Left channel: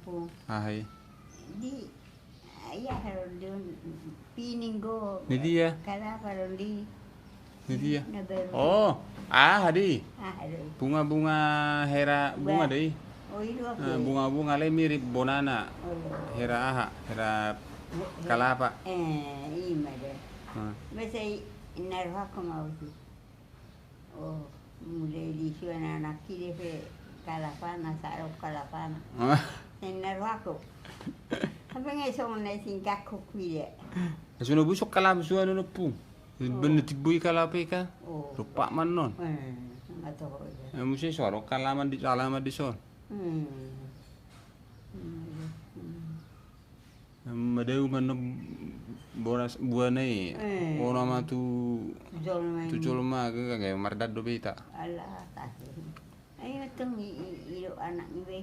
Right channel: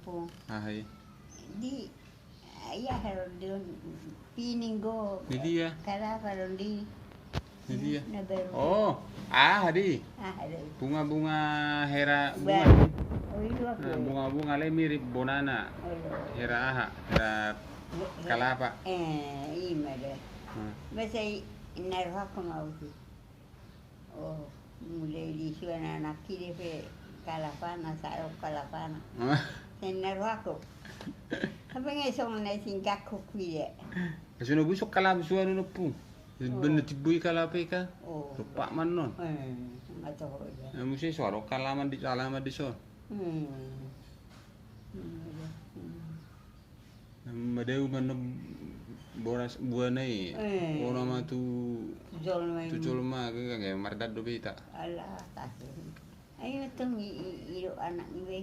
po. Ahai. Di ayah haron diyon piningo. Di dia. Kala haron di. Di dia. Nabaru. Oh, hadi. Haron. Bunga-bunga hera bunga deh. Oh itu aku. Bunga-bunga le mirip bonana. Hera kalapa. Ima deh. Masa inarwa ko mau sih. Oh, mulai di sana anak kiri pe kalapana, sarap kalapana. Inarwa ko. Apa nggak song na singkat ko kuya. Suno busuk kalapa suano no pu. Bener tibui kalapa ka. Lupa man non. Nggak tahu aja. Mesti suara kalaman di son. Madeu man boras buanai. Orang mah tu jolma kayak mardad do beta. Alah, tasih. Ayo tuh ilo anak ni be.